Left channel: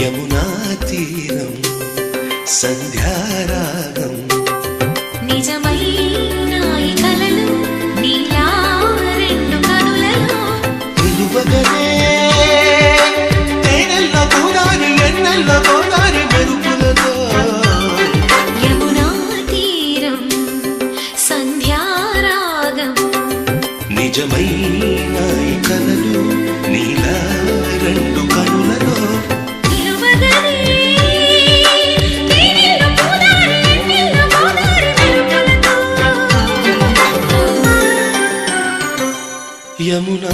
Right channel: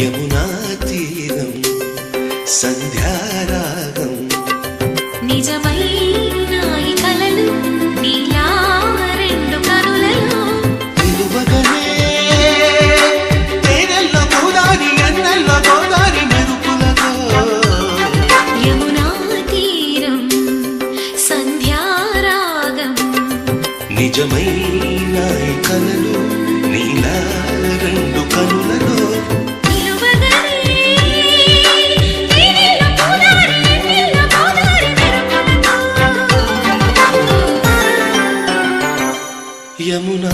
యమునా తీరం సంధ్యారాగం నిజమైన ఈ కలలు నీలా రెండు కనులలో నిలువగనే తేనెల్ల గోదారి ఎన్నెల్ల గోదారి మెరుపులతో యమునా తీరం సంధ్యారాగం నిజమైన ఈ కలలు నీలా రెండు కనులలో యమునా